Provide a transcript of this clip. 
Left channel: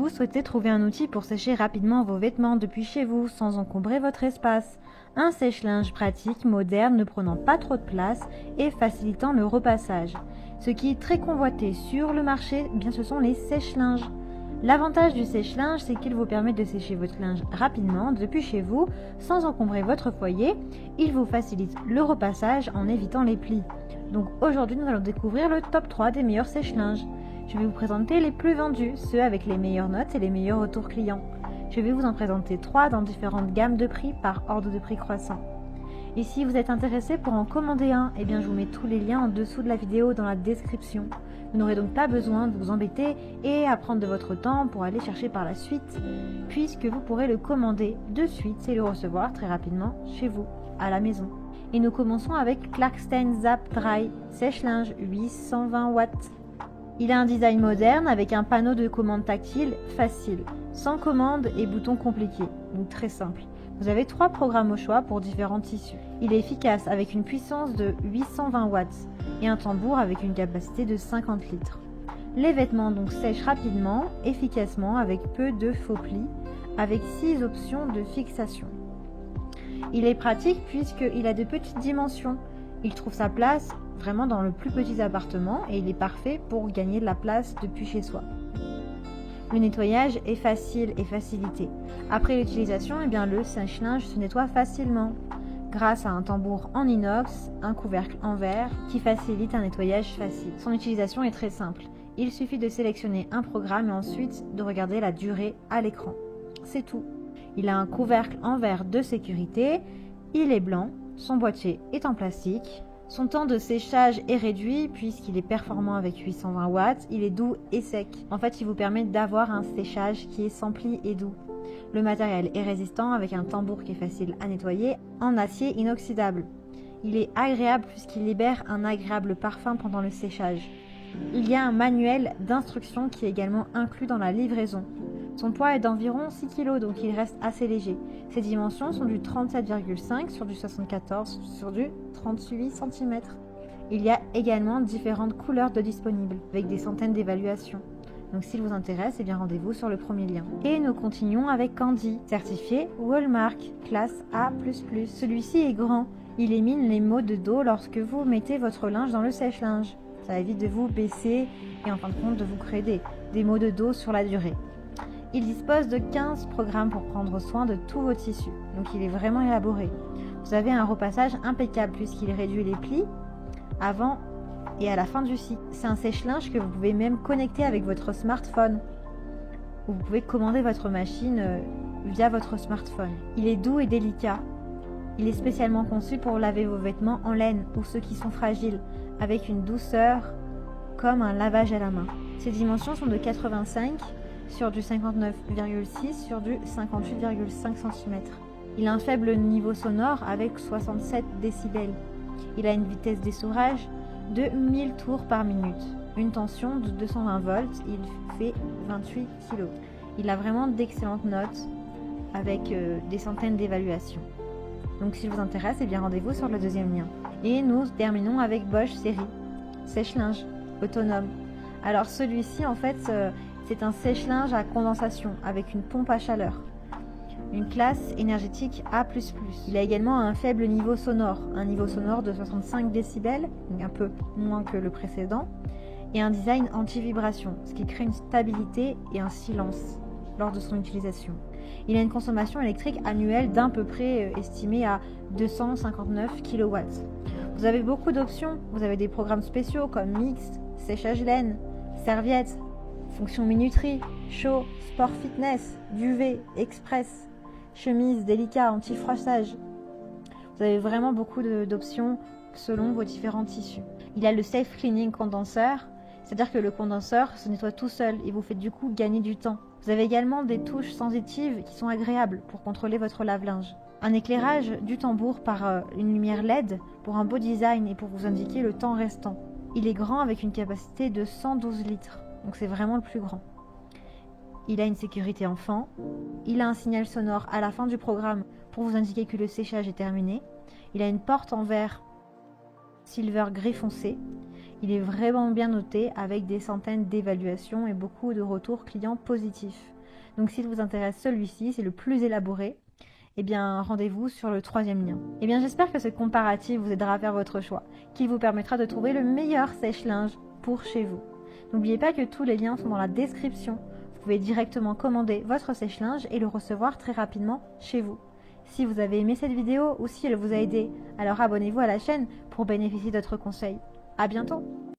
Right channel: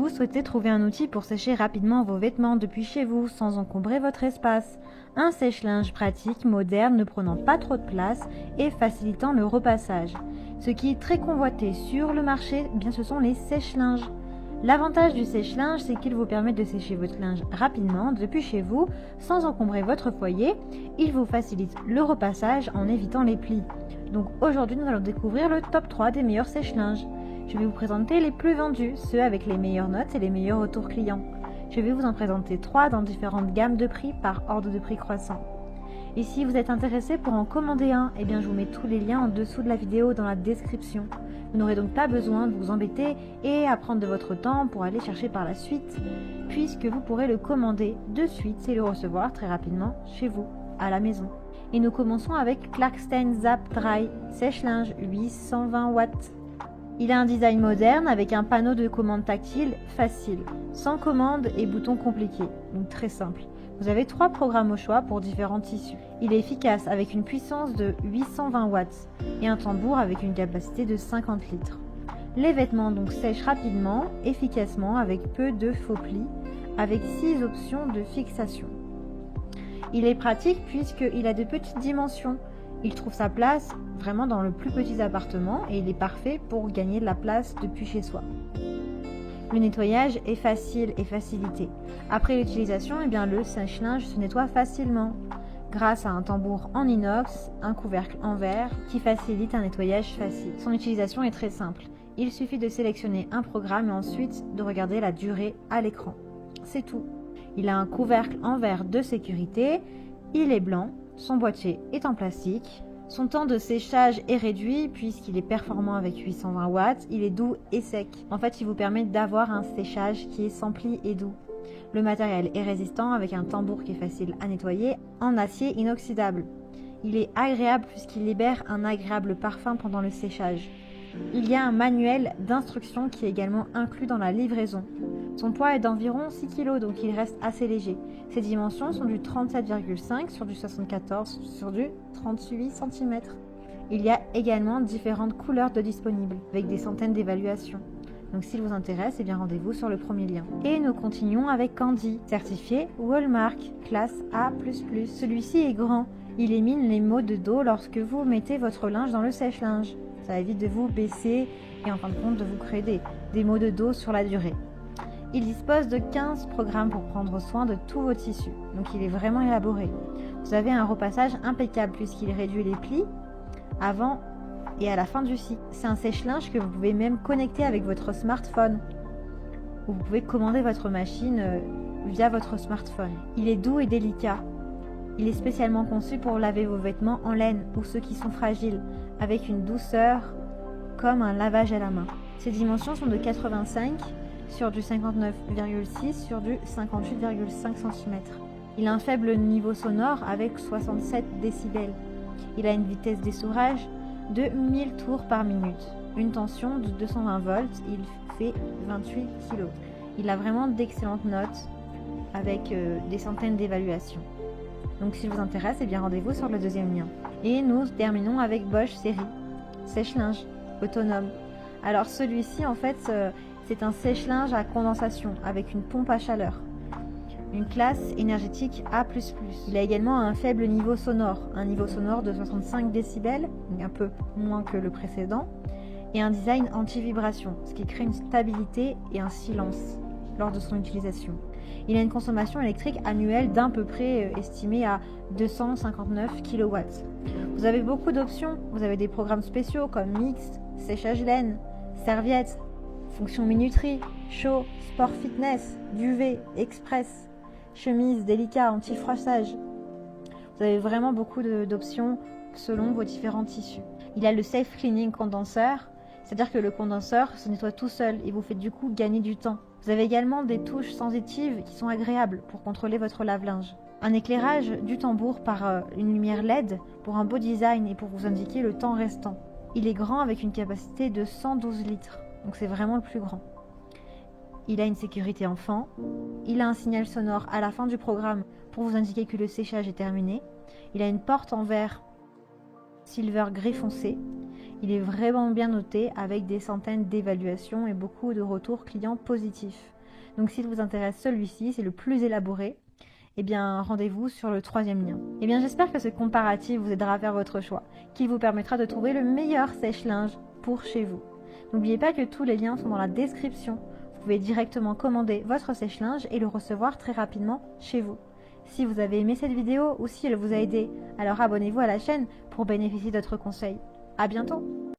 Vous souhaitez trouver un outil pour sécher rapidement vos vêtements depuis chez vous sans encombrer votre espace. Un sèche-linge pratique, moderne, ne prenant pas trop de place et facilitant le repassage. Ce qui est très convoité sur le marché, eh bien, ce sont les sèche-linges. L'avantage du sèche-linge, c'est qu'il vous permet de sécher votre linge rapidement depuis chez vous sans encombrer votre foyer. Il vous facilite le repassage en évitant les plis. Donc aujourd'hui, nous allons découvrir le top 3 des meilleurs sèche-linges. Je vais vous présenter les plus vendus, ceux avec les meilleures notes et les meilleurs retours clients. Je vais vous en présenter 3 dans différentes gammes de prix par ordre de prix croissant. Et si vous êtes intéressé pour en commander un, eh bien je vous mets tous les liens en dessous de la vidéo dans la description. Vous n'aurez donc pas besoin de vous embêter et à prendre de votre temps pour aller chercher par la suite, puisque vous pourrez le commander de suite et le recevoir très rapidement chez vous, à la maison. Et nous commençons avec Clarkstein Zap Dry sèche-linge 820 watts. Il a un design moderne avec un panneau de commande tactile facile, sans commande et boutons compliqués, donc très simple. Vous avez 3 programmes au choix pour différents tissus. Il est efficace avec une puissance de 820 watts et un tambour avec une capacité de 50 litres. Les vêtements donc sèchent rapidement, efficacement avec peu de faux plis, avec 6 options de fixation. Il est pratique puisqu'il a de petites dimensions. Il trouve sa place vraiment dans le plus petit appartement et il est parfait pour gagner de la place depuis chez soi. Le nettoyage est facile et facilité. Après l'utilisation, eh bien, le sèche-linge se nettoie facilement grâce à un tambour en inox, un couvercle en verre qui facilite un nettoyage facile. Son utilisation est très simple. Il suffit de sélectionner un programme et ensuite de regarder la durée à l'écran. C'est tout. Il a un couvercle en verre de sécurité, il est blanc, son boîtier est en plastique. Son temps de séchage est réduit puisqu'il est performant avec 820 watts, il est doux et sec. En fait, il vous permet d'avoir un séchage qui est sans plis et doux. Le matériel est résistant avec un tambour qui est facile à nettoyer en acier inoxydable. Il est agréable puisqu'il libère un agréable parfum pendant le séchage. Il y a un manuel d'instruction qui est également inclus dans la livraison. Son poids est d'environ 6 kg, donc il reste assez léger. Ses dimensions sont du 37,5 sur du 74 sur du 38 cm. Il y a également différentes couleurs de disponibles, avec des centaines d'évaluations. Donc s'il vous intéresse, eh bien rendez-vous sur le premier lien. Et nous continuons avec Candy, certifié Walmart, classe A++. Celui-ci est grand. Il élimine les maux de dos lorsque vous mettez votre linge dans le sèche-linge. Ça évite de vous baisser et en fin de compte de vous créer des maux de dos sur la durée. Il dispose de 15 programmes pour prendre soin de tous vos tissus, donc il est vraiment élaboré. Vous avez un repassage impeccable puisqu'il réduit les plis. C'est un sèche-linge que vous pouvez même connecter avec votre smartphone. Vous pouvez commander votre machine via votre smartphone. Il est doux et délicat. Il est spécialement conçu pour laver vos vêtements en laine ou ceux qui sont fragiles, avec une douceur comme un lavage à la main. Ses dimensions sont de 85 sur du 59,6 sur du 58,5 cm. Il a un faible niveau sonore avec 67 décibels. Il a une vitesse d'essorage de 1000 tours par minute. Une tension de 220 volts, il fait 28 kg. Il a vraiment d'excellentes notes avec des centaines d'évaluations. Donc si vous intéresse, eh bien rendez-vous sur le deuxième lien. Et nous terminons avec Bosch série sèche-linge autonome. Alors celui-ci en fait c'est un sèche-linge à condensation avec une pompe à chaleur. Une classe énergétique A++. Il a également un faible niveau sonore, un niveau sonore de 65 décibels, un peu moins que le précédent, et un design anti-vibration, ce qui crée une stabilité et un silence lors de son utilisation. Il a une consommation électrique annuelle d'à peu près estimée à 259 kW. Vous avez beaucoup d'options, vous avez des programmes spéciaux comme mixte, séchage laine, serviette, fonction minuterie, chaud, sport fitness, duvet, express, chemise délicat, anti-froissage. Vous avez vraiment beaucoup d'options selon vos différents tissus. Il a le self-cleaning condenseur, c'est-à-dire que le condenseur se nettoie tout seul et vous fait du coup gagner du temps. Vous avez également des touches sensitives qui sont agréables pour contrôler votre lave-linge. Un éclairage du tambour par une lumière LED pour un beau design et pour vous indiquer le temps restant. Il est grand avec une capacité de 112 litres, donc c'est vraiment le plus grand. Il a une sécurité en fond. Il a un signal sonore à la fin du programme pour vous indiquer que le séchage est terminé. Il a une porte en verre silver gris foncé. Il est vraiment bien noté avec des centaines d'évaluations et beaucoup de retours clients positifs. Donc s'il vous intéresse celui-ci, c'est le plus élaboré, eh bien rendez-vous sur le 3e lien. Eh bien j'espère que ce comparatif vous aidera à faire votre choix, qui vous permettra de trouver le meilleur sèche-linge pour chez vous. N'oubliez pas que tous les liens sont dans la description. Vous pouvez directement commander votre sèche-linge et le recevoir très rapidement chez vous. Si vous avez aimé cette vidéo ou si elle vous a aidé, alors abonnez-vous à la chaîne pour bénéficier d'autres conseils. À bientôt.